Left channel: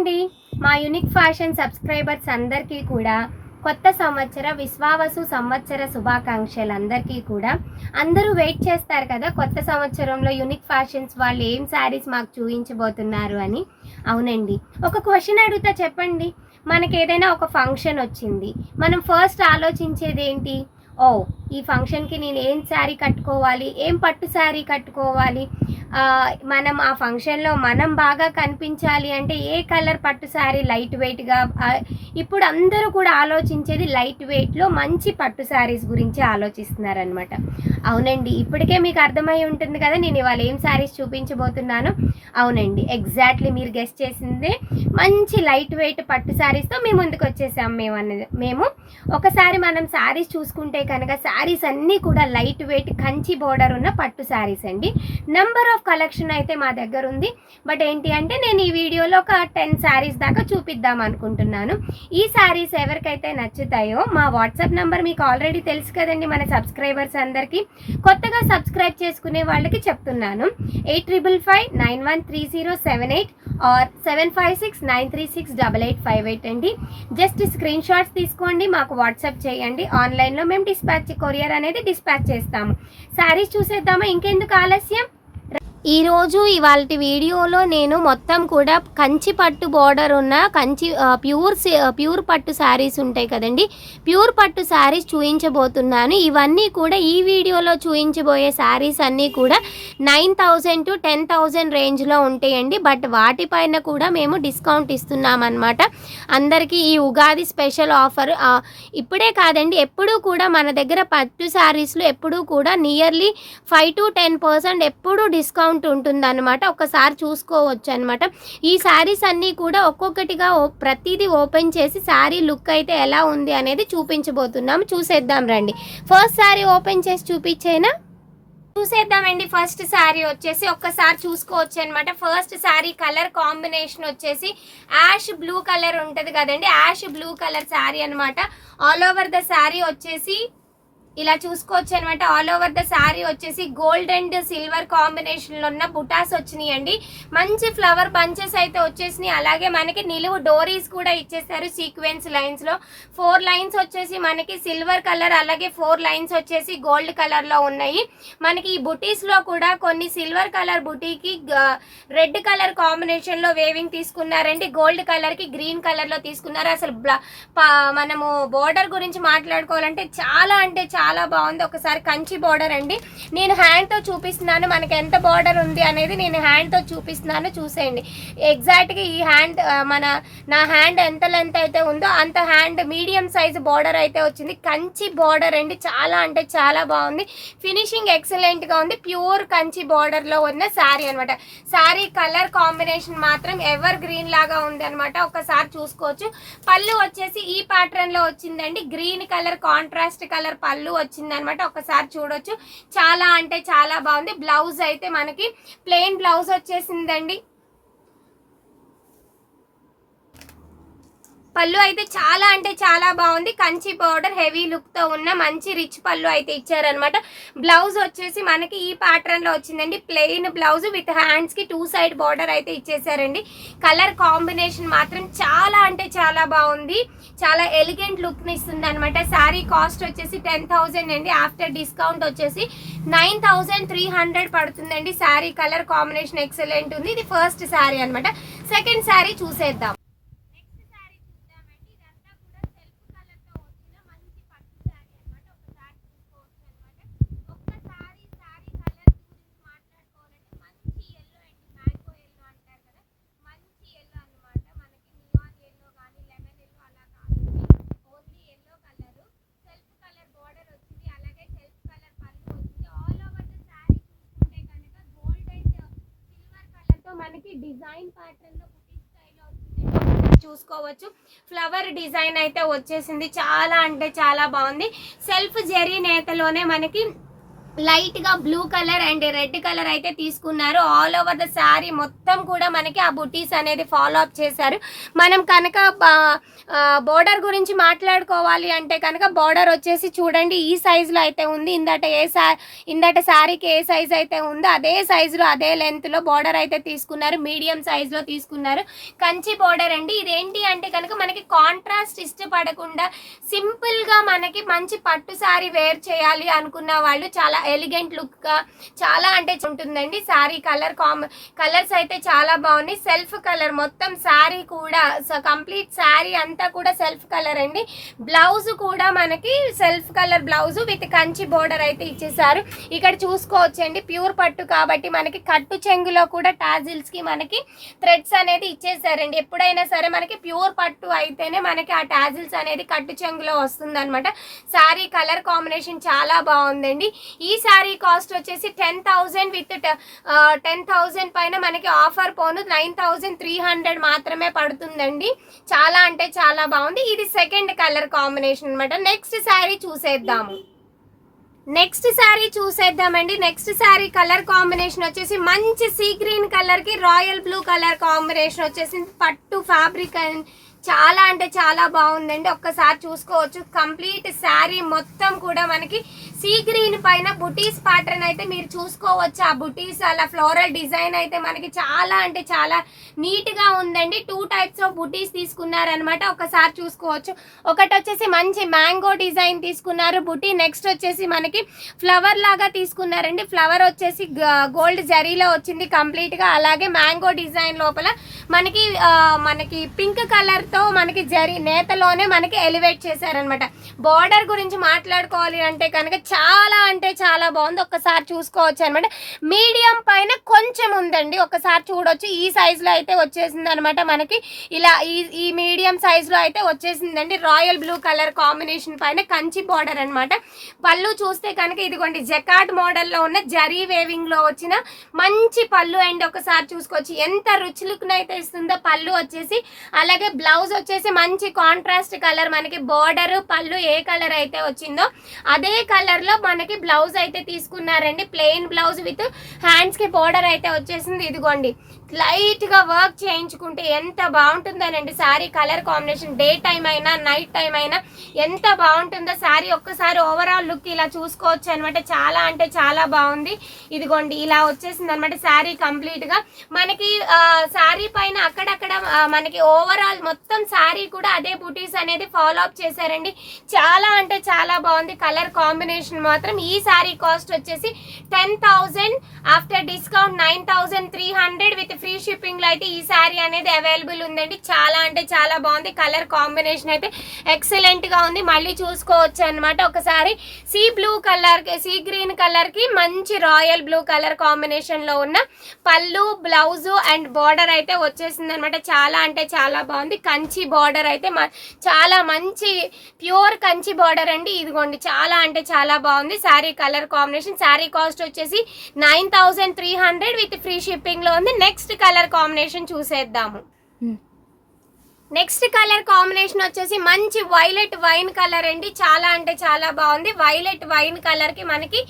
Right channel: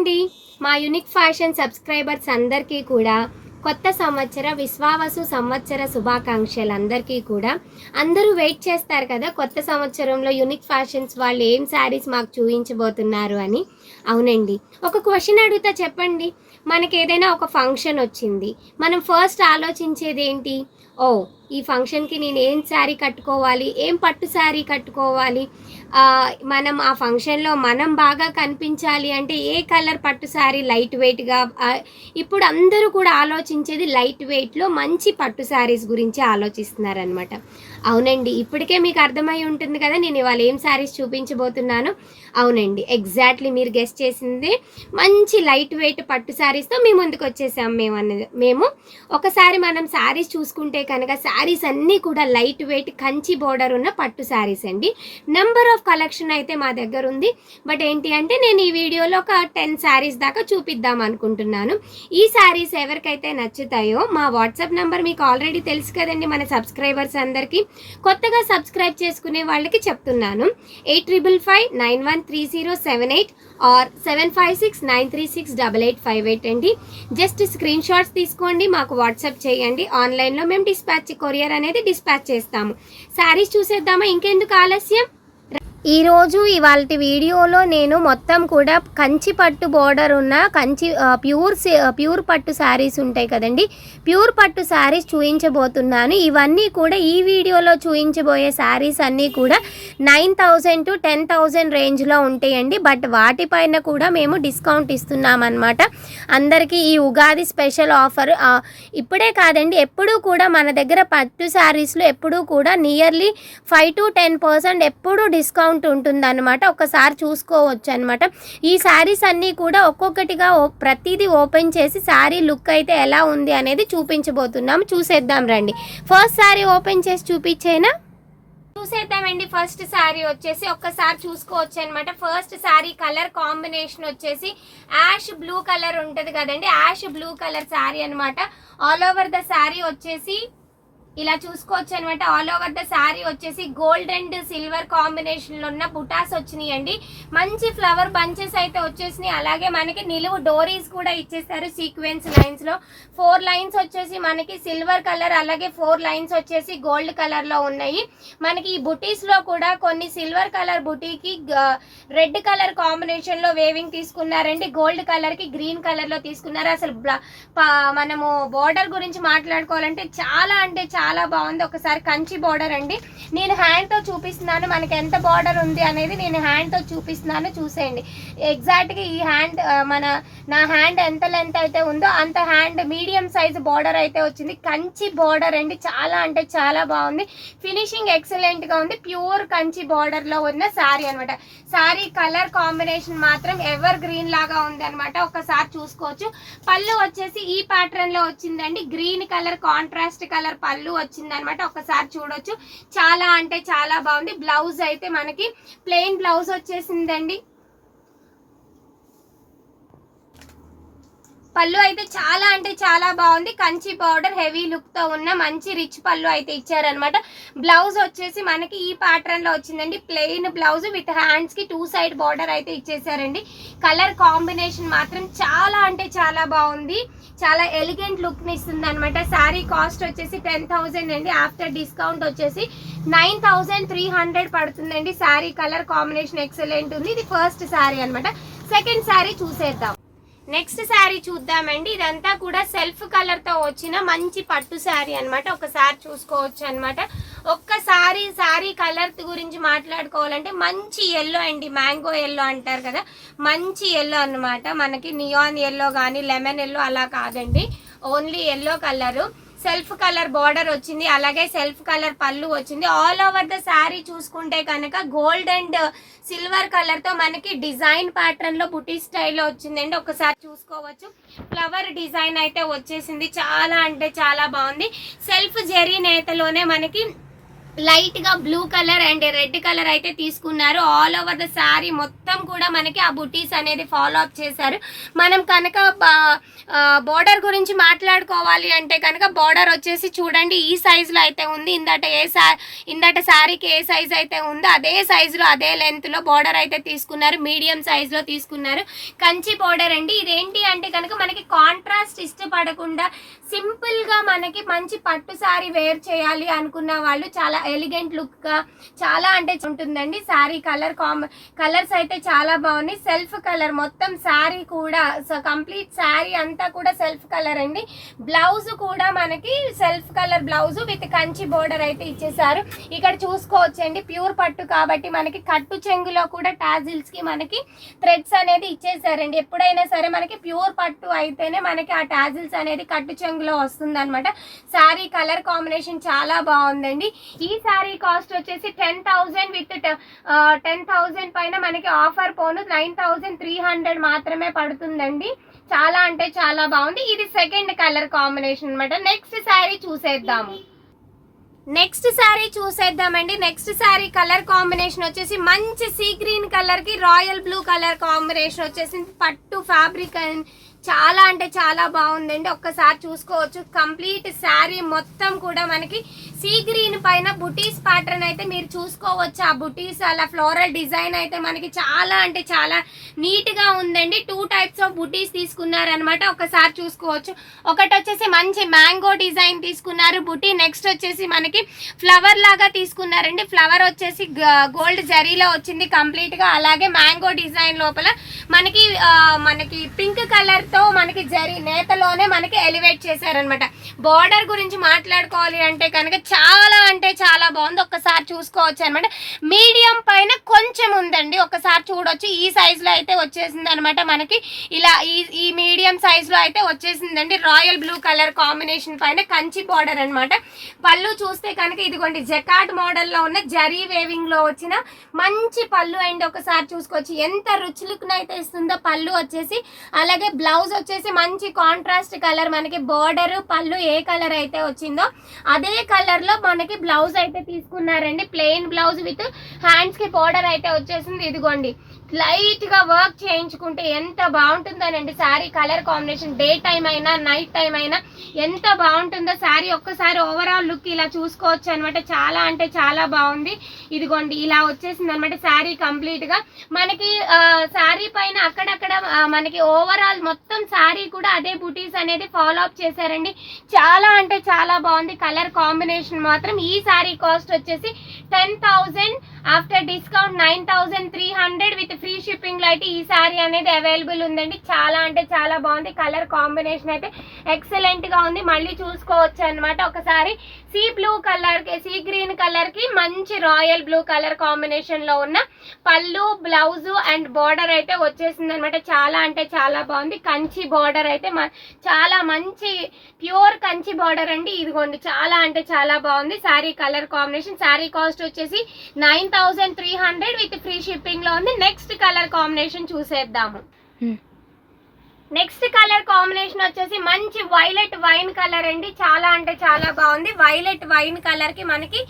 అండి, మా unique fashion subscribers అందరికీ కూడా కొత్త సంవత్సర విశ్వావసు సంవత్సర శుభాకాంక్షలు. అందరికీ కూడా అందరూ వెయిట్ చేస్తారు కదా, కొత్త సంవత్సరంలో యూనిక్ ఫ్యాషన్స్ వాళ్ళు ఏం శారీస్ మాకు చూపించబోతున్నారు అని. అవునండి, ఒక క్వశ్చన్ అడుగుతా, చెప్పండి. మనకి ఏదైనా ఒక ఫంక్షన్ వచ్చింది, మనం ఫస్ట్ ఆలోచించేది ఏంటి? ఈ ఫంక్షన్కి నేను ఏం శారీ కట్టుకోవాలి, ఏం పట్టు శారీ కట్టుకోవాలి, మనం ఆ ఫంక్షన్లో మనం బాగా కనిపించాలి అంటే ఏ కలర్ పట్టు శారీ లైట్ వెయిట్గా. ఇప్పుడు అందరూ కూడా ఆలోచించేది లైట్ వెయిట్లో మంచి పట్టు శారీస్ గురించి ఆలోచిస్తున్నారనమాట. అవునండి, ఇప్పటికే మీకు అర్థమై ఉంటుంది కదా నేను ఇవాళ ఏం శారీస్ చూపించబోతున్నాను. అవునండి, ఎగ్జాక్ట్లీ మీరు గెస్ట్ చేసిందే, మంచి లైట్ వెయిట్ పట్టు శారీస్తో మేము ముందుకు వచ్చేసాం. మేము ఒకసారి మనం శారీస్ చూసుకుంటే కనుక శారీస్ అన్నీ కూడా లైట్ వెయిట్ కంచి బోర్డర్ ఉన్న పట్టు శారీస్ అండి. నెంబర్ ఆఫ్ కలెక్షన్ అయితే మా దగ్గర ఉంది. బట్ ఏంటి అంటే నేను ఈ వీడియోలో ఒక 10 శారీస్ దాకా చూపిద్దాం అనుకుంటున్నాను. ఈ శారీస్ ఎవరికైతే నచ్చుతాయో మా వాట్సాప్ నెంబర్ మీకు ఆల్రెడీ తెలుసు కదండి, మన సబ్స్క్రైబర్స్ అందరికీ. కొత్తగా సబ్స్క్రైబ్ చేసుకునే వాళ్ళకి చెప్తున్నాను, 8555913078 ఆర్ 7569368858 అండి. జస్ట్ స్క్రీన్ షాట్స్ తీసుకోండి, మాకు వాట్సాప్ చేయండి. ఆన్లైన్లో మేము కొరియర్ అనేది డిస్పాచ్ చేస్తాము. శారీస్ చూసేద్దామా, ఇంకెందుకు ఆలస్యం. ఈరోజు ఇవాళ వీడియోలో నేను మొత్తం కూడా కంచి పట్టు బోర్డర్ ఉన్న కంచి ప్యూర్ పట్టు శారీస్ ఉంటాయి కదండి, ప్యూర్ పట్టు శారీస్ చూపించబోతున్నాను. ఇవన్నీ కూడా ఈ వీడియోలో చూపించబోయే శారీస్ అన్నీ కూడా 9,000 to 10,000 రేంజ్లో ఉంటాయండి. బట్ వాటిపైన కూడా మేము డిస్కౌంట్ ఇస్తున్నామన్నమాట అందరికీ. ఈ ఉగాది స్పెషల్ ఆఫర్ ఇప్పుడే కాదండి, ఎప్పుడూ కూడా మన దగ్గర పట్టు శారీస్లో ఎప్పుడూ కూడా నియర్లీ 5 to 10% ఎప్పుడూ డిస్కౌంట్ ఉంటుందన్నమాట. ఒకసారి చూసుకోవచ్చు అనమాట. ఈ శారీస్ అన్నీ కూడా ఒక్కొక్కటిగా ప్రతిదీ ఓపెన్ చేసి శారీ లుక్ అయితే ఎలా ఉంది అనేది చూపించబోతున్నాం. చూసేద్దాం రండి. ఫస్ట్ శారీ ఓపెన్ చేసి చూపించేనా, చూసేద్దామండి. ఫస్ట్ శారీ వచ్చేసి ఒక్కసారి చూసుకోవచ్చు అనమాట. ఫస్ట్ శారీ కలర్ కాంబినేషన్ వచ్చేసి యాష్ బ్లూ కలర్ ఉంటుంది కదండి, యాష్ బ్లూ కలర్ శారీ అనమాట. ఆల్ ఓవర్ ద శారీ వచ్చేసి ఇలా చూసుకోవచ్చు అనమాట. ఆల్ ఓవర్ ద శారీ వచ్చేసి గోల్డ్ అండ్ సిల్వర్ కాంబినేషన్ లో ఉన్న బుటాస్ వచ్చినాయి అండి. మంచి ఫ్లవర్ బంచెస్ అయితే వచ్చేసినాయి. అలాగే మనకి నిలువు డోరీస్ కూడా ఇచ్చేసారు సీక్వెన్స్ లైన్స్ లో. 4 లైన్స్ వచ్చేసి మనకి సిల్వర్ కలర్, అలాగే 4 లైన్స్ వచ్చేసి గోల్డ్ కలర్ లో ఉన్నాయి. మనకి ఈ బుటీస్ లో కూడా కొన్ని సిల్వర్ కలర్ బుటీకి రెడ్ కలర్ కాంబినేషన్ లో వేవింగ్ తీసుకున్నారండి, గోల్డ్ కలర్ కి గ్రీన్ కలర్ లో తీసుకున్నారు. అసలు మనము బోర్డర్ గురించి మాట్లాడుకోవాలంటే చాలా అంటే చాలా బాగుంది. ఒకసారి కంచి బోర్డర్ అండి, నేను హ్యాండ్ తో చూపిస్తున్నాను. మనకి ఎంత బోర్డర్ ఉంది అనేది నేను హ్యాండ్ తో చూపిస్తున్నాను, చూసేయండి. ఎగ్జాక్ట్ గా ఈ హ్యాండ్ నా హ్యాండ్ ఎంత లెంత్ అయితే ఉందో అంత హ్యాండ్ మీడియం సైజ్ బోర్డర్ అయితే వచ్చింది. కంచి బోర్డర్ అండి, చాలా అంటే చాలా బాగుంది. ఫినిషింగ్ ఎక్సలెంట్ గా ఉంది. ప్యూర్ కంచి బోర్డర్ లో ఉన్న శారీ అనమాట. శారీ కలర్ కాంబినేషన్ మాత్రం ఎవర్ గ్రీన్ లాగా ఉంది అనమాట. ఒకసారి చూసుకోవచ్చు. పళ్ళు వచ్చేసి ఈ ప్యాటర్న్ లో వచ్చిందండి, గ్రీన్ కలర్ కాంట్రాస్ట్ కలర్ పళ్ళు వచ్చింది అనమాట. ఒకసారి చూడొచ్చు, చాలా అంటే చాలా బాగుంది. బ్లౌజ్ అయితే మనకి ప్లెయిన్ బ్లౌజ్ వచ్చేసిందండి. పళ్ళు అయితే చాలా అంటే చాలా బాగుంది. కంచి బార్డర్ హెవీ లుక్ తో ఉన్న మంచి రిచ్ పళ్ళు అయితే ఇచ్చారనమాట. బ్లౌజ్ వచ్చేసి మనకి ఈ ప్యాటర్న్ లో వచ్చిందండి, ప్లెయిన్ బ్లౌజ్ విత్ హ్యాండ్స్ కి 2 సైడ్ బార్డర్ అయితే ఇచ్చేసారండి. కలర్ కాంబినేషన్ మాత్రం చాలా అంటే చాలా బాగుంది, చాలా ఎలిగెంట్ లుక్ ని ఇస్తుంది అనమాట. శారీ కాస్ట్ వచ్చేసి 10,000 అండి. ఆఫ్టర్ డిస్కౌంట్ వచ్చేసి 9,300 పడుతుందండి. శారీ కలర్ కాంబినేషన్ ఎక్సలెంట్ ఉంది. ఇది ఫస్ట్ శారీ అనమాట. సెకండ్ శారీ చూసేద్దాం. నెక్స్ట్ శారీ చూద్దామండి. ఇదంతా కూడా సెల్ఫ్ కలర్ తో వచ్చిన మంచి పట్టు శారీ అనమాట. ఒకసారి చూసుకోవచ్చు అనమాట. ఒక్కసారి శారీ కలర్ గురించి మాట్లాడుకోవాలంటే మంచి ఎల్లో అండి, మ్యాంగో ఎల్లో అంటారు కదా, మంచి ఎల్లో అనమాట. మనకి నియాన్ ఎల్లో కానీ లెమన్ ఎల్లో అలా కాదండి, only yellow colour. Self colour border వచ్చింది, అలాగే సెల్ఫ్ కలర్ పళ్ళు వచ్చింది. ఆల్ ఓవర్ ద శారీ చూసుకుంటే కనుక గోల్డ్ అండ్ సిల్వర్ కలర్ తో మనకి డిజైన్ ప్యాటర్న్ లో బుటీ స్టైల్లో వచ్చిందండి. ఒకసారి చూసుకోవచ్చు. ఫ్లవర్ డిజైన్ అయితే వచ్చేసింది, చాలా అంటే చాలా బాగుంది. సెల్ఫ్ జరీ నేతలోనే మనకి లైట్గా blue colour and red colour అయితే తీసుకున్నారు. ఆల్ ఓవర్ ద శారీ మొత్తం కూడా మనకి ఆ బుటీస్ అనేది ఫాలో అప్ చేశారు. మనం కనుక బోర్డర్ గురించి మాట్లాడుకోవాలి అంటే కనుక బోర్డర్ వచ్చేసి చూడండి ఈ సైజులో అయితే ఉంది. ఇందట శారీకి ఏ సైజ్ అయితే ఉందో అదే సైజులో అదే లెంత్లో బోర్డర్ అయితే తీసుకున్నారు. మీడియం సైజులో తీసుకున్నారు. కంచి బోర్డర్ అండి. ఇదేంటి అంటే కనుక మనకి కాంట్రాస్ట్ ఇష్టపడకుండా సింపుల్గా మనకి మంచి పట్టు శారీ వేర్ చేయాలి అనుకున్న వాళ్ళు చాలా ఎలిగెంట్ లుక్గా చాలా అంటే ఉంటుందండి. శారీ కలర్స్ అయితే చాలా బాగున్నాయి. సెల్ఫ్ కలర్ మొత్తం శారీ కూడా కంప్లీట్ శారీ అంతా కూడా సెల్ఫ్ కలర్ అండి. బ్లౌజ్ కూడా మనకి self colour blouse with Kanchi border అయితే ఇచ్చేసారు. ఇక్కడ చూసుకోవచ్చండి ప్యూర్ పట్టు కాబట్టి మనకి కట్టు చెంగులో కూడా టాజిల్స్ కి మనకి థ్రెడ్స్ అనేది ఇచ్చేసారండి. ఎప్పుడైనా సరే మనకి ప్యూర్ పట్టు అయితేనే మనకి ఆ టాజిల్స్ అనేది కట్టు చెంగులో వస్తుంది అనమాట. శారీ కలర్ కాంబినేషన్ చాలా బాగుందండి. ఈ శారీ కాస్ట్ వచ్చేసి 10,000 విత్ 10,000 పైన మనకి ఆఫర్ పోను 9,300 మాత్రమే పడుతుందండి. చాలా అంటే చాలా బాగుంది. ఇది సెకండ్ కలర్ కాంబినేషన్ అనమాట. నెక్స్ట్ శారీ చూసేద్దామండి. నెక్స్ట్ శారీ కలర్ కాంబినేషన్ వచ్చేసి మంచి సీ గ్రీన్ కలర్ కి రాయల్ బ్లూ కలర్ కాంబినేషన్ వచ్చేసి పట్టు ఫ్యాబ్రిక్ చాలా అంటే చాలా బాగుందండి. ఒక్కసారి చూసుకోవచ్చు. కంప్లీట్ శారీ మొత్తం కూడా మనకి సీ గ్రీన్ పైన బుటీస్ ప్యాటర్న్ అయితే మీరు చూసుకోవచ్చు. ఆ బుటీస్ అలా ఫ్లోరల్ డిజైన్ అయితే మనకి చాలా అంటే చాలా నీట్ గా ఉందండి. 2 టైప్స్ ఆఫ్ బుటీస్ తీసుకున్నారనమాట. ఒకసారి చూసుకోవచ్చు. ఒకటి వచ్చేసి మంచి మ్యాంగో డిజైన్ తీసుకున్నారు బుటీ. నెక్స్ట్ వచ్చేసి మనకి ఫ్లవర్ లాగా తీసుకున్నారండి. ఫ్లవర్ వచ్చేసి గోల్డ్ జరీలో వచ్చింది కంప్లీట్ గా. అలాగే మ్యాంగో డిజైన్ లోపల మనకి పింక్ కలర్ తో మనకి జరీ నేతలోనే మనకి ఎలివేట్ చేశారనమాట. బార్డర్ గురించి మాట్లాడుకోవాలి అంటే కనుక చాలా అంటే చాలా బాగుంది. ఒక్కసారి చూసుకోవచ్చు అనమాట. మీడియం పైన కొంచెం ఉందండి. ఒకసారి చూడొచ్చు. ఈ సైజ్ లో అయితే వచ్చేసింది అనమాట. మనకి ఇలా ఈ మీడియం సైజ్ లో అయితే వచ్చేసిందండి. రాయల్ బ్లూ కలర్ కాంబినేషన్ పైన కంచి బార్డర్ అనమాట. పళ్ళు చూస్తే కనుక ఇదిగోండి జకార్డ్ మోడల్ లో ఉన్న జరీ వేవింగ్ లో వచ్చిన మంచి పళ్ళు అండ్ ఒకసారి చూసుకోవచ్చు ఎంత రుచి లుక్ అయితే ఇస్తుందో పళ్ళు వచ్చేసి. అలాగే బ్లౌజ్ వచ్చేసి మంచి కాంట్రాస్ట్ కలర్ మనకి బార్డర్ పళ్ళు ఏ కలర్ అయితే వచ్చిందో అదే కలర్ లో మనకి బ్లౌజ్ అయితే తీసుకున్నారండి. ప్లెయిన్ బ్లౌజ్ విత్ హ్యాండ్స్ కి బార్డర్ అయితే వచ్చేసింది. ఇదిగోండి లైట్ గా వర్క్ చేయించుకుంటే ఎంత బాగుంటుందనండి sari colour combination. Day time అయినా నైట్ టైం అయినా ఎంత బాగుంటుందో శారీ. ఒక్కసారి ఓవరాల్ లుక్ ఇలా చూసుకోవచ్చు అనమాట. చాలా అంటే చాలా బాగుంది. ఇదిగోండి ఇలా వచ్చేసింది అనమాట శారీ కంప్లీట్ గా. మనకి శారీ పైన అక్కడక్కడ మనకి ఓవరాల్ మొత్తం శారీ కూడా అదే బుటీస్ అనేది ఫాలో అప్ చేశారండి. చాలా అంటే చాలా బాగుంది కలర్ కాంబినేషన్ మాత్రం. ఈ శారీ కాస్ట్ వచ్చేసి 10,000 after discount 9,300 with free shipping లో అయితే ఈ శారీ అనేది అవైలబుల్ ఉందండి. చాలా అంటే చాలా బాగుంది. కలర్ కాంబినేషన్ అయితే ఎక్సలెంట్ గా ఉంది. మళ్ళీ చూసుకోవచ్చు అనమాట. ఒకసారి సీ గ్రీన్ కలర్ కి మంచి రాయల్ బ్లూ కలర్ కాంబినేషన్ లో ఉన్న పళ్ళు బ్లౌజ్ అండ్ బార్డర్ అయితే వచ్చేసింది అనమాట. చాలా అంటే చాలా బాగుంది. కంచి బార్డర్ అయితే చాలా మంచి ప్యూర్ కంచి బార్డర్ అండి. ఇదిగోండి చాలా అంటే చాలా బాగుంది sari colour combination. Sari cost వచ్చేసి 9,300 విత్ ఫ్రీ షిప్పింగ్ లో ఉంది. నెక్స్ట్ కలర్ కాంబినేషన్ చూసేద్దాము. నెక్స్ట్ కలర్ కాంబినేషన్ వచ్చేసి మంచి వైలెట్ వైన్ కలర్ అండి. చాలా అంటే చాలా బాగుంది. వైలెట్ వైన్ కలర్ కి మనకి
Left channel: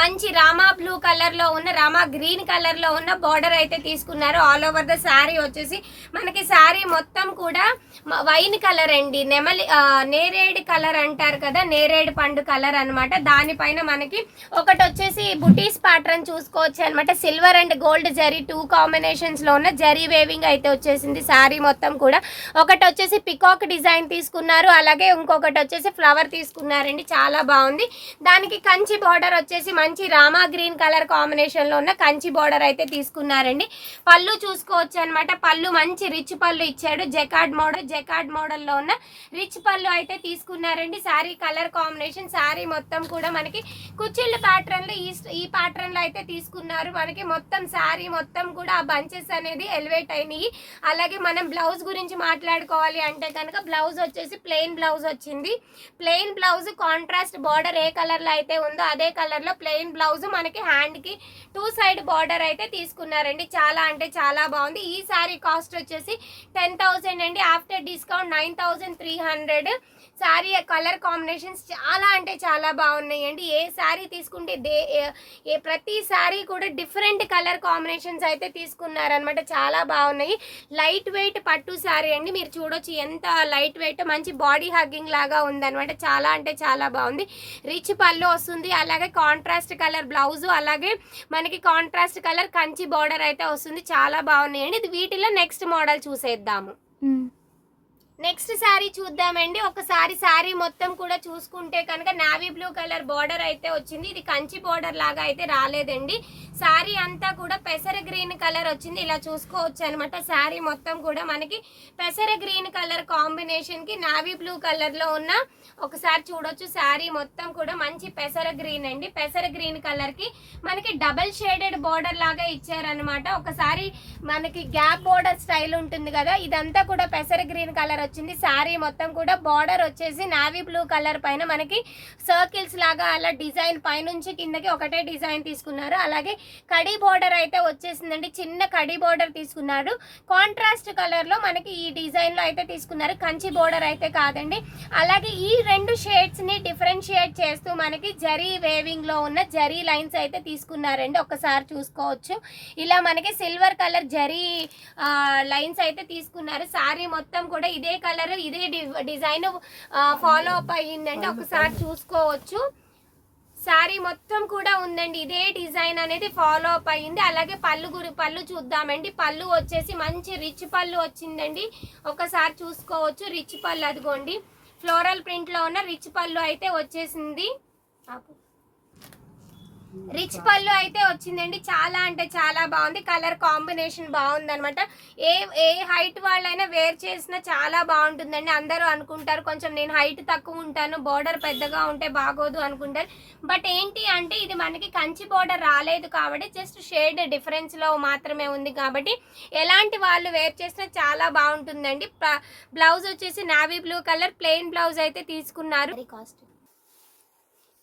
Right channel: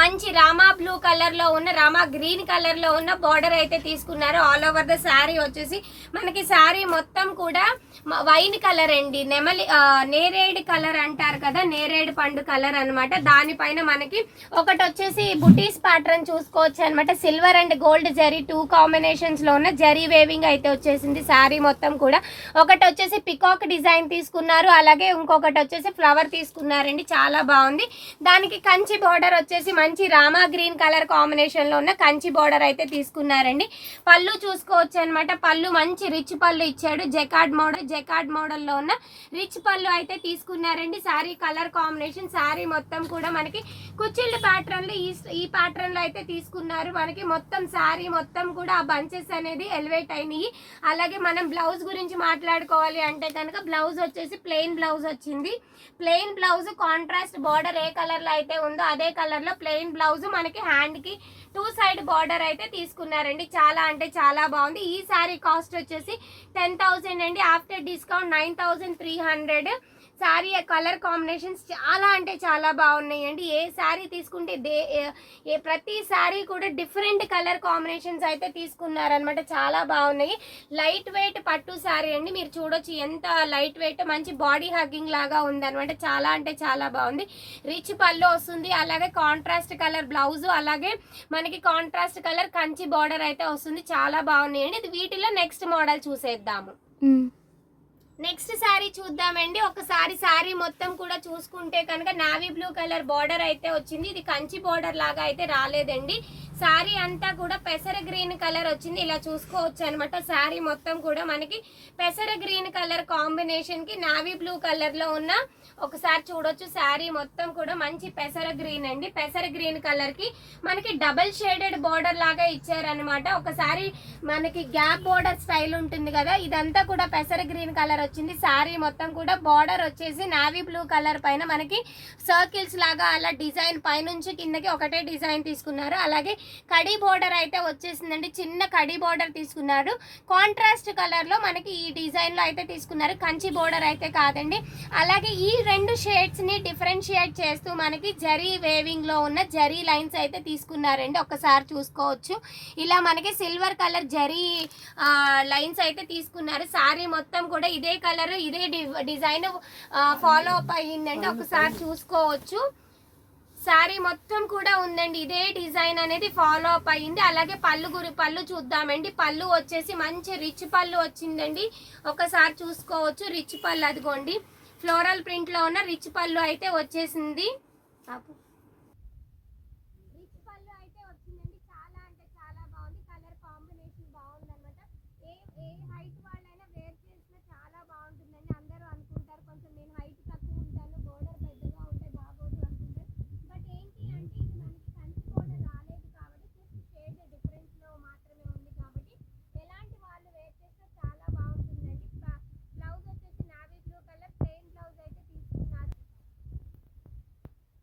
మంచి రామా బ్లూ కలర్ లో ఉన్న రామా గ్రీన్ కలర్ లో ఉన్న బార్డర్ అయితే తీసుకున్నారు. ఆల్ ఓవర్ ద శారీ వచ్చేసి మనకి శారీ మొత్తం కూడా వైన్ కలర్ అండి. నేరేడు కలర్ అంటారు కదా, నేరేడు పండు కలర్ అనమాట. దానిపైన మనకి ఒకటి వచ్చేసి బుటీస్ ప్యాటర్న్ చూసుకోవచ్చు అనమాట. Silver and gold zari 2 combinations లో ఉన్న జరీ వేవింగ్ అయితే వచ్చేసింది శారీ మొత్తం కూడా. ఒకటి వచ్చేసి పికాక్ డిజైన్ తీసుకున్నారు. అలాగే ఇంకొకటి వచ్చేసి ఫ్లవర్ తీసుకున్నారండి. చాలా బాగుంది. దానికి కంచి బార్డర్ వచ్చేసి మంచి రామా గ్రీన్ కలర్ కాంబినేషన్ లో ఉన్న కంచి బార్డర్ అయితే తీసుకున్నారండి. పళ్ళు చూసుకోవచ్చు అనమాట. పళ్ళు మంచి రిచ్ పళ్ళు ఇచ్చాడు. జకార్డ్ మోడల్ లో ఉన్న రిచ్ పళ్ళు అయితే తీసుకున్నారండి. శారీ కలర్ కాంబినేషన్ శారీ మొత్తం కూడా మనకి కుచ్చిళ్ళ ప్యాటర్న్ లో ఈ ప్యాటర్న్ లో అయితే తీసుకున్నారు. మనకి మొత్తం శారీ మొత్తం కూడా ఆ బంచెస్ అనేది ఎలివేట్ అయినాయి. అలాగే మనం బ్లౌజ్ గురించి మాట్లాడుకోవాలి అంటే కనుక బ్లౌజ్ వచ్చేసి ప్లెయిన్ బ్లౌజ్ వచ్చింది. ప్లెయిన్ బ్లౌజ్ కాంట్రాస్ట్ బార్డర్ ఏ కలర్ లో అయితే ఉందో అదే కలర్ లో ప్లెయిన్ బ్లౌజ్ మనకి హ్యాండ్ కి 2 సైడ్ బార్డర్ అయితే తీసుకున్నారండి. చాలా అంటే చాలా బాగుంది. ఈ శారీ కాస్ట్ వచ్చేసి 10,000 అండి. After discount 9,300. Sari colour combinations చాలా అంటే చాలా బాగున్నాయండి. ఏ శారీ తీసుకుంటే ప్రతి శారీ కూడా డిఫరెంట్ కలర్ కాంబినేషన్స్ అయితే తీసుకున్నారనమాట. చాలా బాగున్నాయి. లైట్ వెయిట్ పట్టు శారీ అండి. మీరు చూడొచ్చు ఎంత లైట్ వెయిట్, మంచి బాడీ హగ్గింగ్ లాగా ఉందనమాట. చాలా అంటే చాలా బాగుంది. రిచ్ పళ్ళు వస్తుంది, అలాగే కాంట్రాస్ట్ కలర్ బ్లౌజ్, అలాగే మనకి కాంట్రాస్ట్ కలర్ కంచి బార్డర్ అయితే వస్తుంది. చాలా బాగున్నాయండి. ఇది వీటిలో నెక్స్ట్ మోడల్ చూసేద్దాము. నెక్స్ట్ శారీ చూద్దామండి. ఒకసారి శారీ మొత్తం కూడా చూసుకుంటే కనుక నావీ బ్లూ కలర్ బార్డర్ అయితే వచ్చింది. ఇది కంచి బార్డర్ లాగా అయితే రాలేదండి. శారీ అంతా కూడా పెసర గ్రీన్ కలర్ వచ్చింది. ఇలా చూసుకోవచ్చు అనమాట. శారీ మొత్తం కూడా మనకి పెసర గ్రీన్ కలర్ కాంబినేషన్ కి నావీ బ్లూ కలర్ లో ఉన్న ఒకసారి చూడొచ్చు. శారీ మొత్తం కూడా మంచి పెసర గ్రీన్ అండి. పెసర గ్రీన్ కలర్ కి మనకి డబల్ షేడెడ్ బార్డర్ లాగా ఇచ్చారనమాట. ఒకసారి మనకి గ్యాప్ బార్డర్ స్టైల్ ఉంటుంది కదా, ఇదంతా కూడా పెసర గ్రీన్ కలర్ వచ్చింది. శారీ మొత్తం కూడా బార్డర్ వచ్చేసి నావీ బ్లూ కలర్ పైన మనకి సర్కిల్స్ లాగా అలా డిజైన్ పైనుంచి కిందకి ఒకటే డిజైన్ తీసుకున్నారు. అలాగే కడీ బోర్డర్ అయితే వచ్చేసిందండి. చిన్న కడీ బోర్డర్ తీసుకున్నారు. కాంట్రాస్ట్ కలర్ లో మనకి ఈ డిజైన్ లో అయితే తీసుకున్నారు. కంచి బోర్డర్ అయితే కాదండి. అలాగే ఈ రెండు షేడ్స్ ని డిఫరెన్షియేట్ చేస్తూ మనకి జరీ వేవింగ్ లో ఉన్న జరీ లైన్స్ అయితే తీసుకున్నారండి. ఒకసారి చూసుకోవచ్చు. ఇలా మనకి సిల్వర్ కలర్ జరీ లైన్స్ అయితే తీసుకున్నారు. శారీ మొత్తం కూడా ఇదే కలర్ ఇదే డిజైన్ ఫాలో అప్ అయ్యిందండి. ఒకసారి చూసుకోవచ్చు. శారీ మొత్తం కూడా ఉందండి. ఇదే డిజైన్ అనేది ఫాలో అప్ అయ్యింది. అలాగే పళ్ళు చూద్దామండి. పళ్ళు వచ్చేసి మంచి రిచ్ పళ్ళు వచ్చిందండి. ఒకసారి చూసుకోవచ్చు. రిచ్ పళ్ళు అదిగోండి, ఫ్లోరల్ ప్రింట్ లో ఉన్న రిచ్ పళ్ళు అయితే వచ్చేసింది. రిచ్ పళ్ళు అయితే వచ్చిందండి. చాలా అంటే చాలా బాగుంది. కలర్ కాంబినేషన్ బాగుంది అనమాట. ఏ హైట్ వాళ్ళైనా వేర్ చేసినా చాలా బాగుంటుందండి. అందరూ అనుకుంటారు కొంచెం నేను హైట్ తక్కువ ఉంటాను, బోర్డర్ పెద్దగా ఉంటే బాగోదు అనుకుంటారు. బట్ ఏంటి అంటే ఇది మనకి కంచి బోర్డర్ రాలేదు కాబట్టి జస్ట్ షేడ్ డిఫరెన్స్ లో మాత్రమే ఉంది కాబట్టి ఎలాంటి వాళ్ళు వేర్ చేసినా చాలా బాగుంటుందండి. బ్లౌజ్ వచ్చేసి navy blue colour plain blouse అయితే తీసుకున్నారు. కాస్ట్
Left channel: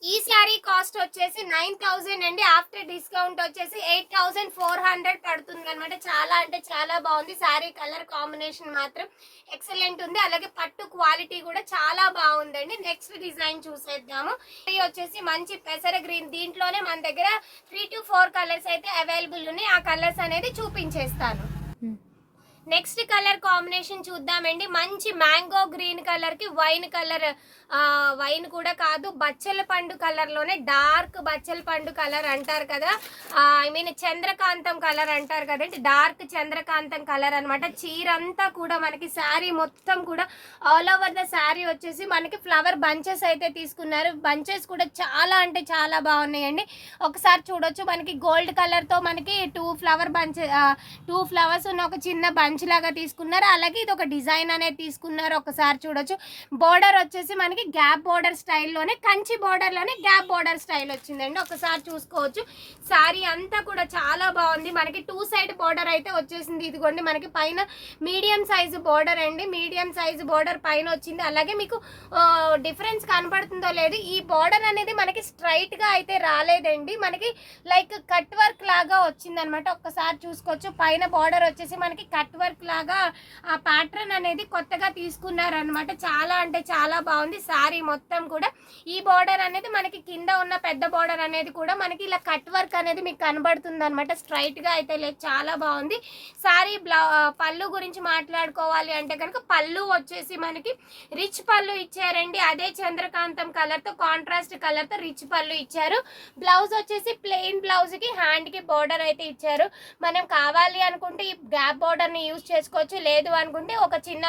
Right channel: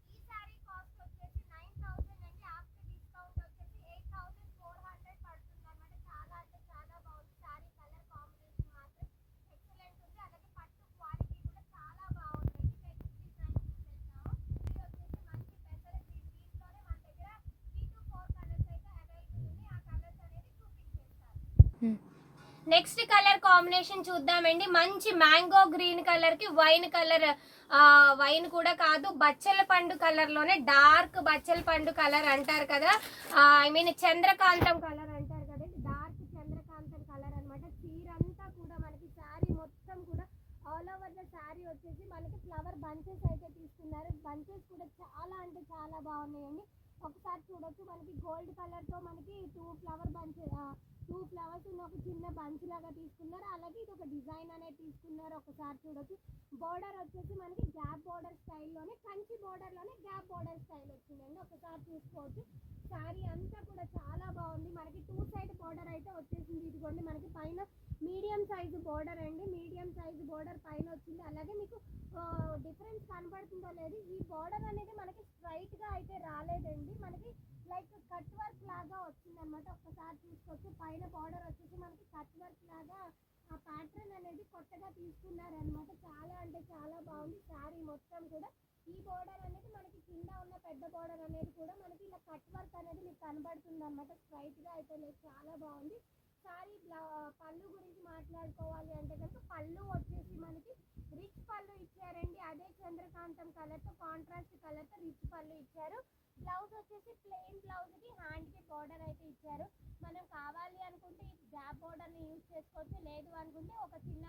ఈ శారీ కాస్ట్ వచ్చేసి 9,000 అండి. ఆఫ్టర్ డిస్కౌంట్ వచ్చేసి 8,400 పడుతుంది అనమాట. చాలా అంటే చాలా బాగుంది. శారీ కలర్ కాంబినేషన్ మాత్రం ఎక్సలెంట్ ఉంది. అలాగే పట్టు క్వాలిటీ కూడా చాలా బాగుందండి. నెక్స్ట్ డిజైన్ చూసేద్దాము. ఇది వచ్చేసి మంచి పెసర గ్రీన్. దీంట్లోనే మన దగ్గర 3 to 4 కలర్స్ అయితే అవైలబుల్ ఉన్నాయి. ఆ కలర్స్ అనేది చూపించేస్తాను. నెక్స్ట్ కలర్ కాంబినేషన్ చూద్దామండి. మంచి మ్యాంగో గ్రీన్ కలర్ కి వైన్ కలర్, వైన్ కూడా కాదు బచ్చల పండు కలర్ లోనే డార్క్ బచ్చల పండు కలర్ అంటారు కదా, ఐ మీన్ చంద్రకాంతం కలర్ అంటారు కదండి. డార్క్ చంద్రకాంతం కలర్ అనమాట. చీర అంతా కూడా మనకి శారీ మొత్తం కూడా ఆల్ ఓవర్ ద శారీ వచ్చేసి మనకి ఫ్లవర్ బంచెస్ అయితే తీసుకున్నారు. బంచెస్ కూడా చాలా అంటే చాలా బాగున్నాయండి. ఒకసారి చూడొచ్చు. మనకి గోల్డ్ కలర్ తో మనకి 2 ఫ్లవర్స్ ఉన్న ఒక చిన్న బంచ్ లాగా తీసుకున్నారు. అలాగే ఇది ఒక డిజైన్ అనేది తీసుకున్నారు. ఒకసారి చూడొచ్చు. బోర్డర్ వచ్చేసి మనకి గ్యాప్ బోర్డర్ స్టైల్లోనే కంచి బోర్డర్ లోనే గ్యాప్ బోర్డర్ స్టైల్ వచ్చిందండి. ఒకసారి చూసుకోవచ్చు. శారీ అంతా కూడా చాలా బాగుంది. మనకి 2 సైడ్ బోర్డర్ అయితే వచ్చేసింది. ఇదిగోండి మనకి పైన మీడియం సైజు బోర్డర్ అండి. మీడియం సైజు బోర్డర్ పైన వచ్చింది. అలాగే మీకు డిఫరెన్స్ కనపడుతుందో లేదు, ఈ బోర్డర్ అనేది మనకి స్ట్రైట్ గా అయితే రాలేదండి. మనకి లైక్ కట్ వర్క్ లాగా వచ్చింది అనమాట. ఒక్కసారి చూసుకోవచ్చు. పైన బోర్డర్ వచ్చేసి మనకి కట్ వర్క్ లాగా ఆ ప్యాటర్న్ అనేది కొత్తగా తీసుకున్నారనమాట. చాలా అంటే చాలా బాగుంది. శారీ మొత్తం కూడా ఈ బోర్డర్ అనేది మనకి కింద ఉన్న పెద్ద బోర్డర్ అనేది కూడా మనకి ఇలా కట్ వర్క్ అనేది మీకు కనబడుతుంది అనమాట. స్ట్రైట్ గా అయితే లేదు. చాలా బాగుంది. శారీ పళ్ళు గురించి మాట్లాడుకోవాలి అంటే కనుక పళ్ళు వచ్చేసి మనకి రిచ్ పళ్ళు ఇచ్చారండి. అదే చంద్రకాంతం కలర్ తో కాంట్రాస్ట్ కలర్ తో రిచ్ పళ్ళు ఇచ్చారు. బ్లౌజ్ వచ్చేసి ప్లెయిన్ బ్లౌజ్ కి హ్యాండ్ కి బోర్డర్ అయితే ఇచ్చారు. మనం కావాలి అనుకుంటే ఈ గ్యాప్ బోర్డర్ ని యూజ్ చేసుకోవచ్చు. లేదు అనుకుంటే ఒక చిన్న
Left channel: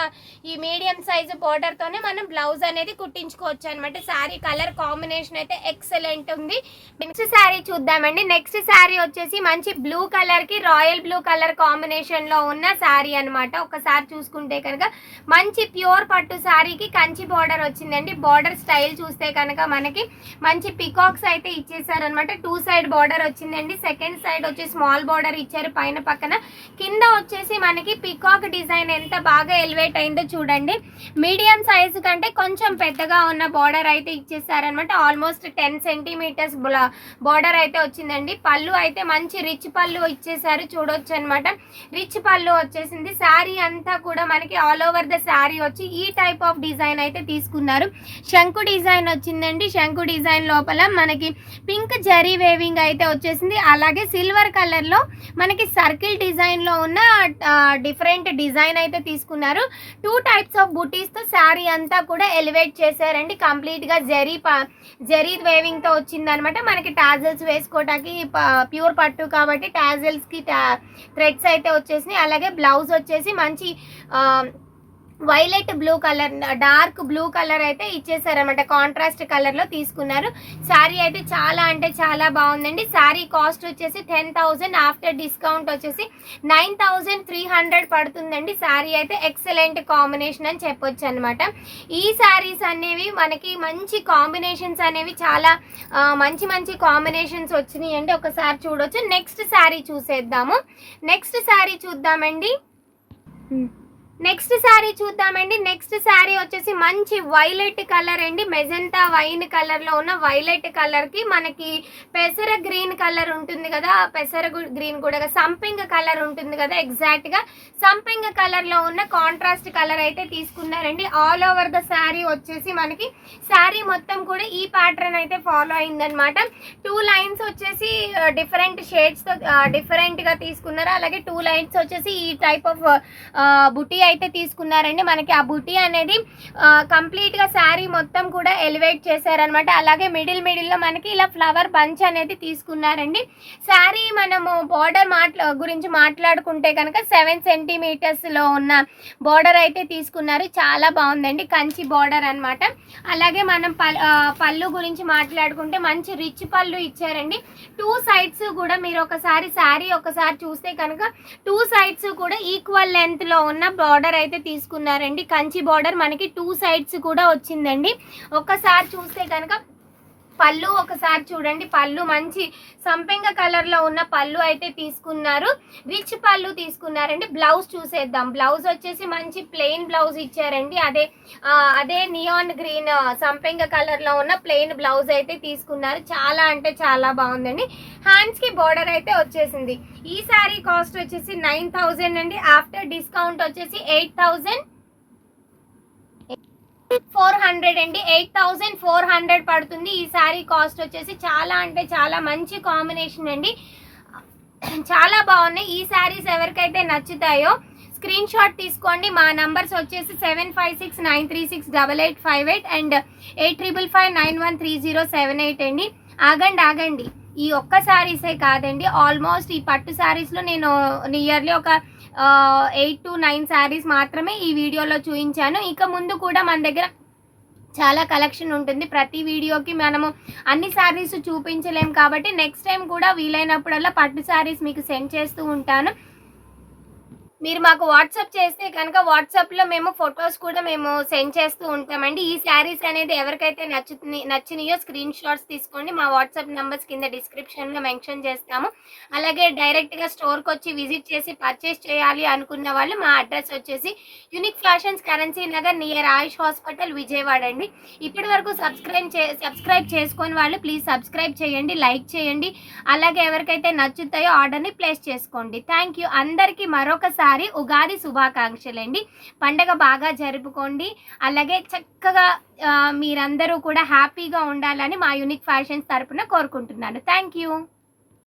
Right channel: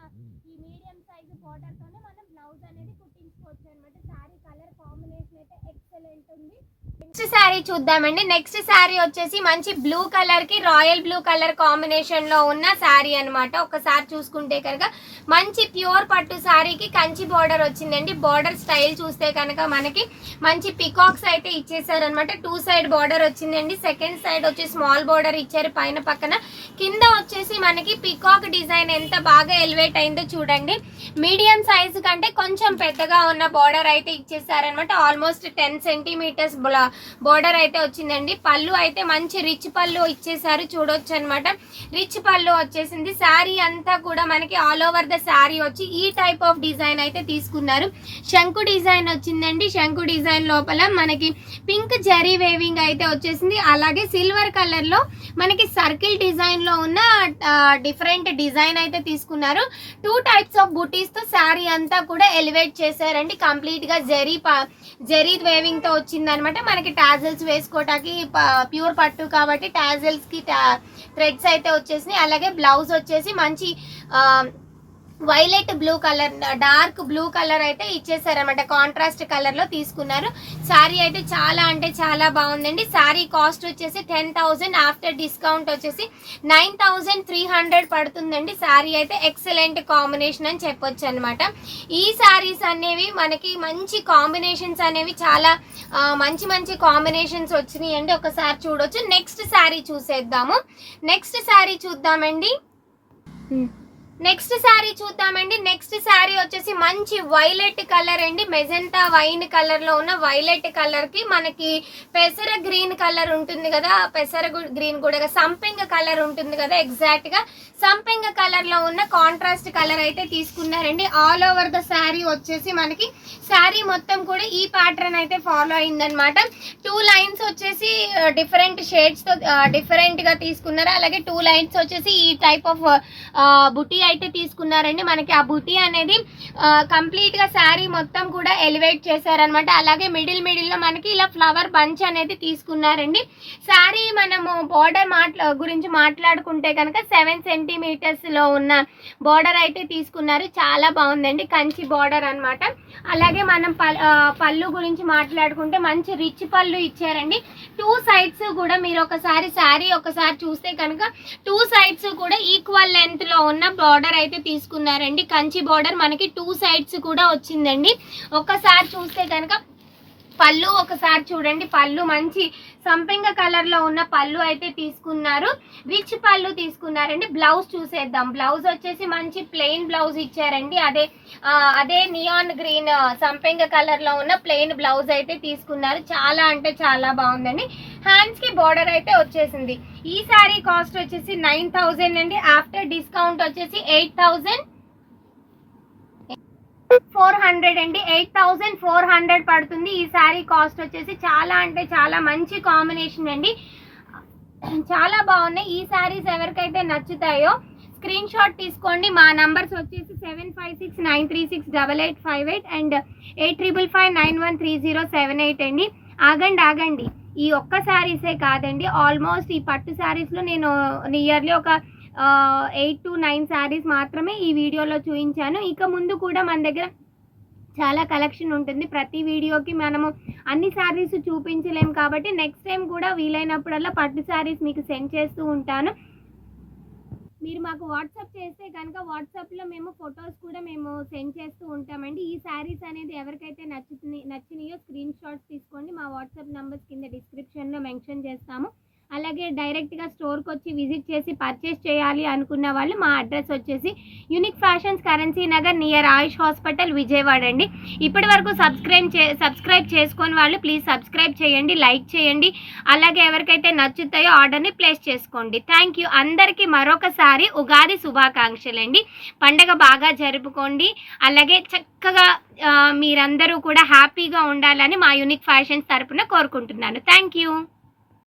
ఈ మీడియం సైజు బోర్డర్ తోనే మనం బ్లౌజ్ అనేది కుట్టించుకోవచ్చు అనమాట. శారీ కలర్ కాంబినేషన్ అయితే ఎక్సలెంట్ ఉంది. నెక్స్ట్ శారీ చూద్దామండి. నెక్స్ట్ శారీ వచ్చేసి మంచి బ్లూ కలర్ కి రాయల్ బ్లూ కలర్ కాంబినేషన్ లో ఉన్న శారీ అనమాట. ఒకసారి చూసుకుంటే కనుక మంచి ప్యూర్ పట్టు శారీకి కంచి బోర్డర్ వచ్చిందండి. బోర్డర్ స్టైల్ చూస్తే కనుక మనకి మంచి పికాక్స్ అయితే ఇచ్చేసారు అనమాట. 2 సైడ్ బోర్డర్ వచ్చిందండి. సెకండ్ సైడ్ వచ్చి స్మాల్ బోర్డర్ ఇచ్చారు పైన పక్కన. కింద వచ్చేసి మనకి పికాక్ డిజైన్ ఎంత బాగా ఎలివేట్ అయిందో చూడండి. మీడియం సైజు కంటే కొంచెం పెద్దగా ఉన్న బార్డర్ అయితే ఇచ్చేసారనమాట. ఆల్మోస్ట్ 10 సెంటీమీటర్స్ బార్డర్ అయితే వచ్చిందండి. పళ్ళు అయితే మంచి రిచ్ పళ్ళు ఇచ్చేసారు, చూడొచ్చు అనమాట. రిచ్ పళ్ళు వచ్చేసింది. శారీ అంతా కూడా మనకి ఆల్ ఓవర్ ద శారీ వచ్చి ఈ టైప్ ఆఫ్ డిజైన్ అయితే తీసుకున్నారు. శంకు డిజైన్ వచ్చిందండి. శంకు డిజైన్ లోపల మనకి పింక్ జరీ వేవింగ్ అయితే వచ్చేసింది. అలాగే సిల్వర్ కలర్ లో మనకి సర్కిల్ డిజైన్ లో ఉన్న డిఫరెంట్ డిజైన్ అయితే తీసుకున్నారు. 2 టైప్స్ ఆఫ్ బుటీస్ తో శారీ అంతా కూడా ఎలివేట్ చేశారండి. కంప్లీట్ గా జరీ వేవింగ్ తో వచ్చింది అనమాట. మనకి టాజల్స్ వేసుకోవడానికి ప్యూర్ పట్టు కాబట్టి టాజల్స్ కి థ్రెడ్స్ అయితే వచ్చేసినాయి. అలాగే బ్లౌజ్ వచ్చేసి మంచి violet blue colour, dark blue colour అయితే ఇచ్చేసారనమాట. కాంట్రాస్ట్ కలర్ లో తీసుకున్నారు. శారీ అయితే చాలా అంటే చాలా బాగుందండి. శారీ కాస్ట్ వచ్చేసి 10,000, ఆఫ్టర్ డిస్కౌంట్ వచ్చేసి 9,300 పడుతుందండి. శారీ అయితే ఎక్సలెంట్ కాంబినేషన్ అని చెప్పొచ్చు అనమాట. ఈ శారీస్ అనేవి మనకి మంచి కాంబినేషన్స్ అనేవి చాలా మంచి మంచి కాంబినేషన్స్ వచ్చినాయి అండి. ఒకసారి చూడొచ్చు. నెక్స్ట్ శారీ చూసేద్దాము. నెక్స్ట్ శారీ చూద్దామండి. నెక్స్ట్ శారీ వచ్చేసి మంచి వైలెట్ కలర్ అండి. మెజెంటా వైన్ కలర్ లో ఉన్న వైలెట్ కలర్ కి మనకి పెసర గ్రీన్ కలర్ ఉంటుంది కదా, పెసర గ్రీన్ కూడా సంపింగ్ కలర్ ఉంటుంది కదా, ఎగ్జాక్ట్ గా సంపింగ్ కలర్ లో ఉన్న కాంట్రాస్ట్ కలర్ అయితే తీసుకున్నారండి. ఆల్ ఓవర్ ద శారీ వచ్చేసి మనకి శారీ మొత్తం కూడా ఈ ప్యాటర్న్ అయితే ఫాలో అయిందనమాట. 2 లైన్స్ వచ్చేసి డిఫరెంట్ షేడ్స్ తో డిఫరెంట్ గా తీసుకున్నారు. అలాగే 2 లైన్స్ వచ్చేసి ఈ టైప్ ఆఫ్ బుటీ అయితే తీసుకున్నారండి. మనకి ఆ బుటీ అనేది కంప్లీట్ గా శారీ మొత్తం కూడా ఎలివేట్ చేశారనమాట. అలాగే మిడిల్ లో మనకి ఇలా ఫ్లవర్ బంచ్ అనేది తీసుకున్నారండి. శారీ మనము బార్డర్ గురించి మాట్లాడుకుంటే కనుక 7 సెంటీమీటర్స్ లో ఉన్న బార్డర్ అయితే తీసుకున్నారు. చాలా బాగుందండి, కంచి బార్డర్ అనమాట. అలాగే మనం పళ్ళు గురించి మాట్లాడుకుంటే మంచి రిచ్ పళ్ళు ఇచ్చారండి. 2 సైడ్స్ కూడా మీరు ఒకసారి శారీ ఒకసారి చూస్తే కనుక 2 సైడ్స్ కూడా ఈక్వల్ లెంత్ లో ఉన్న బార్డర్ అయితే తీసుకున్నారండి. కంచి బార్డర్ మనకి 2 సైడ్స్ కూడా వచ్చిందండి. ఒకసారి చూస్తే కనుక పళ్ళు ఒకసారి చూడండి. పళ్ళు మంచి సంపెంగ కలర్ లో ఉన్న పళ్ళు అయితే తీసుకున్నారు. రిచ్ పళ్ళు తీసుకున్నారండి. బ్లౌజ్ చూసేద్దాం. బ్లౌజ్ వచ్చేసి మంచి ప్లెయిన్ బ్లౌజ్ ఇచ్చారండి. అదే నియాన్ గ్రీన్ సంపెంగ కలర్ లో ఉన్న ప్లెయిన్ బ్లౌజ్ అయితే తీసుకున్నారు. చాలా అంటే చాలా బాగుందండి. హ్యాండ్స్ కి బోర్డర్ అయితే వచ్చేసింది. ఈ శారీ కాస్ట్ వచ్చేసి 9,000 అండి. ఆఫ్టర్ డిస్కౌంట్ వచ్చేసి 8,400 అండి. 8,400 పడుతుంది. ఈ శారీ కాస్ట్ వచ్చేసి చాలా అంటే చాలా మంచి కాంబినేషన్ అండి. చాలా బాగున్నాయి. ఈ శారీస్ ఎవరికైతే నచ్చుతాయో స్క్రీన్ షాట్ తీసుకోండి. మా నంబర్స్ వచ్చేసి 7569368858 అండ్ 8555913078 అండి. ఆగండి, ఈ ఒక్క శారీసే కాదండి, ఆల్మోస్ట్ ఈ పట్టు శారీస్లో నేను నియర్లీ ఒక 8 to 9 శారీస్ మాత్రమే ఈ వీడియోలో చూపించాను. ఇక ముందు కూడా మన దగ్గర చాలా కలెక్షన్ ఉంటుంది. ప్రతి వీడియోకి మనము అన్ని శారీస్ చూపించలేము కాబట్టి నెక్స్ట్ టైం కూడా వీలైనప్పుడల్లా పట్టు శారీస్ మీకు సెండ్ చేస్తూ ఉంటాను. మీరు మాకు వాట్సాప్ చేస్తే కనుక వాట్సాప్లో మేము ఫొటోస్ కూడా మేము సెండ్ చేస్తూ ఉంటామండి. ఈ శారీస్ అనేది ఎవరికైతే నచ్చినాయో స్క్రీన్ షాట్స్ తీసుకోండి. మా వాట్సాప్ నెంబర్స్ కింద డిస్క్రిప్షన్లో మెన్షన్ చేస్తాము. అలాగే డైరెక్ట్గా స్టోర్కి వచ్చి విజిట్ చేసి పర్చేస్ చేయాలి అనుకున్న వాళ్ళు మా అడ్రస్ వచ్చేసి Unique Fashions, Currency Nagar, near Ayush hospital, Vijayawada అండి. ఇప్పటి వరకు సబ్స్క్రైబ్ చేసుకొని వాళ్ళు ప్లీజ్ సబ్స్క్రైబ్ చేయండి, లైక్ చేయండి. అలాగే ఎవరికైతే నచ్చుతాయో ఆర్డర్ని ప్లేస్ చేసుకోండి. Thank you. అందరికీ మరొకసారి ఉగాది శుభాకాంక్షలండి. పండగ బాగా జరుపుకోండి. అలాగే చక్కగా మీరందరూ కూడా హ్యాపీగా ఉండాలని మా యూనిక్ ఫ్యాషన్స్ తరపున కోరుకుంటున్నాను. Thank you.